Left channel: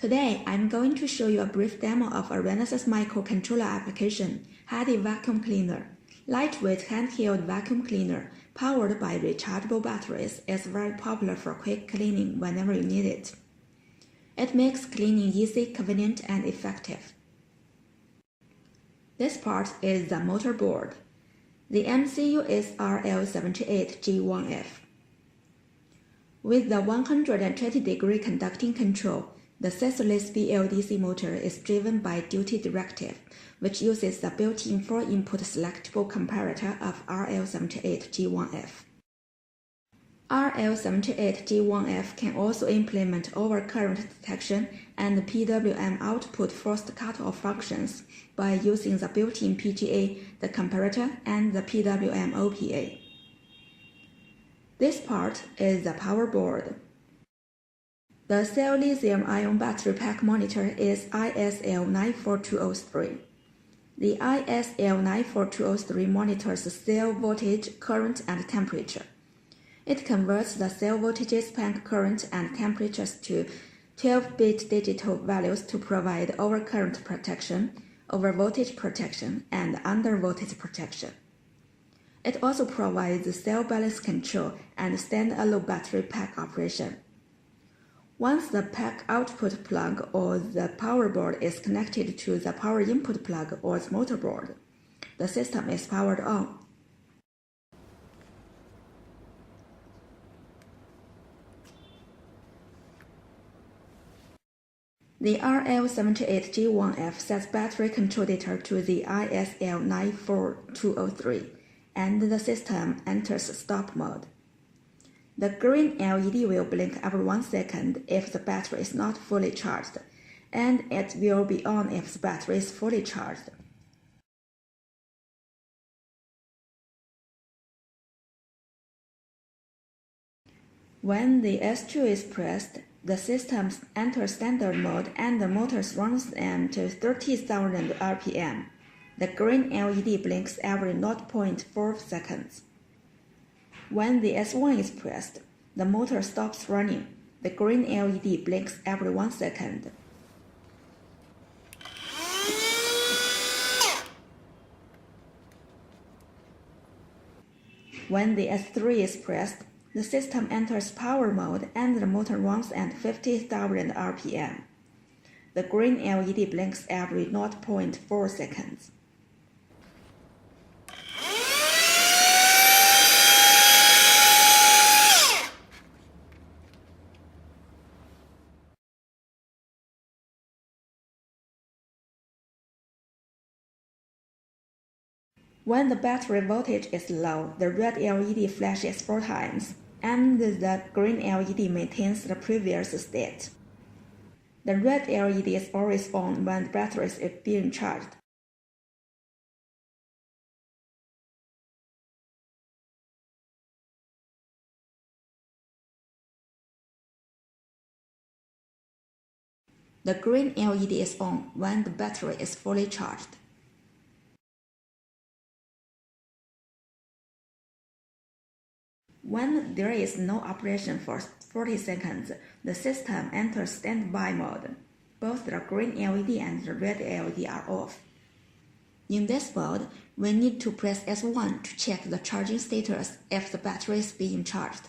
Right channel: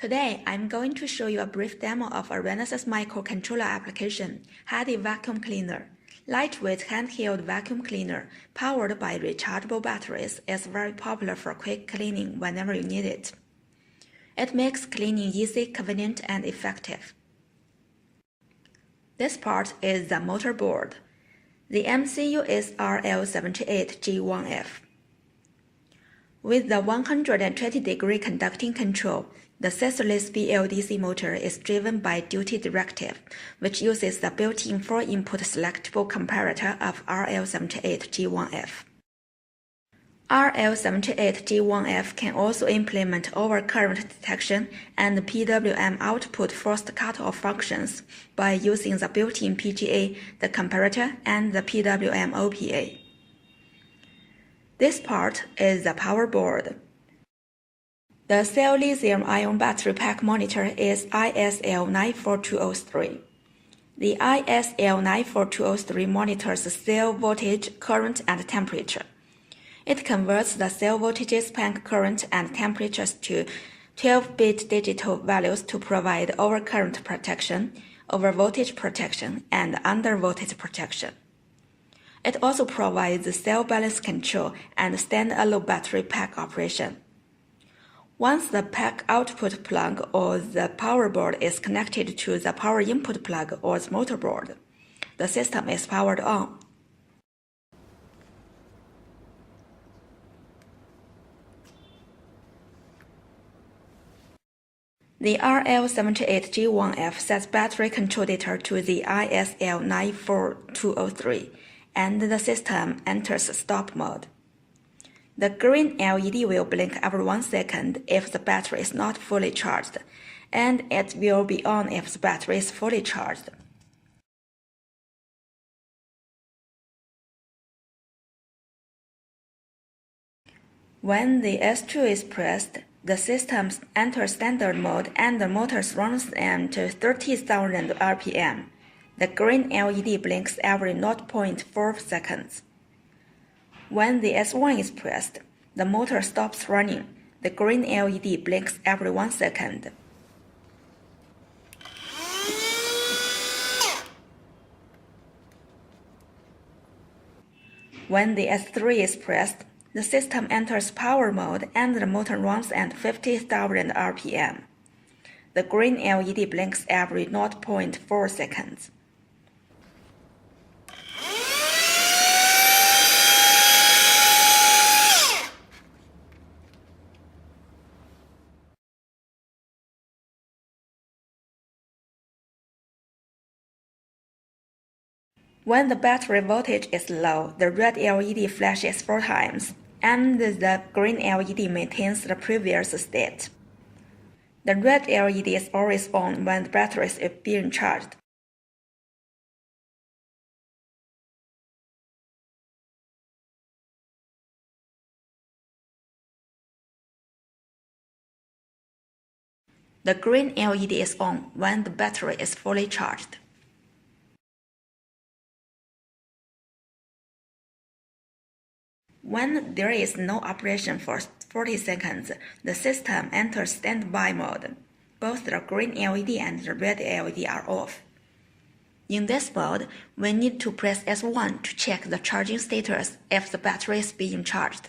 Today, I'm going to show you a brief demo of a Renesas microcontroller application, Handy Vacuum Cleaner. Lightweight handheld vacuum cleaner powered by rechargeable batteries is very popular for quick cleaning whenever you need it. It makes cleaning easy, convenient, and effective. This part is the motor board. The MCU is RL78G1F. With the 120-degree conducting control, the scissorless BLDC motor is driven by duty directive, which uses the built-in 4-input selectable comparator of RL78G1F. RL78G1F can also implement overcurrent detection and PWM output forced cutoff functions by using the built-in PGA, the comparator, and the PWM OPA. This part is the power board. The cell lithium-ion battery pack monitor is ISL94203. The ISL94203 monitors cell voltage, current, and temperature. It converts the cell voltages, pack current, and temperatures to 12-bit digital values to provide overcurrent protection, overvoltage protection, and undervoltage protection. It also provides cell balance control and standalone battery pack operation. Once the pack output plug or the power board is connected to the power input plug or the motor board, the system is powered on. The RL78G1F sets battery control data to the ISL94203, and the system enters stop mode. The green LED will blink every 1 second if the battery is not fully charged, and it will be on if the battery is fully charged. When the S2 is pressed, the system enters standard mode and the motor runs at 30,000 RPM. The green LED blinks every 0.4 seconds. When the S1 is pressed, the motor stops running. The green LED blinks every 1 second. When the S3 is pressed, the system enters power mode and the motor runs at 50,000 RPM. The green LED blinks every 0.4 seconds. When the battery voltage is low, the red LED flashes 4 times, and the green LED maintains the previous state. The red LED is always on when the battery is being charged. The green LED is on when the battery is fully charged. When there is no operation for 40 seconds, the system enters standby mode. Both the green LED and the red LED are off. In this mode, we need to press S1 to check the charging status if the battery is being charged.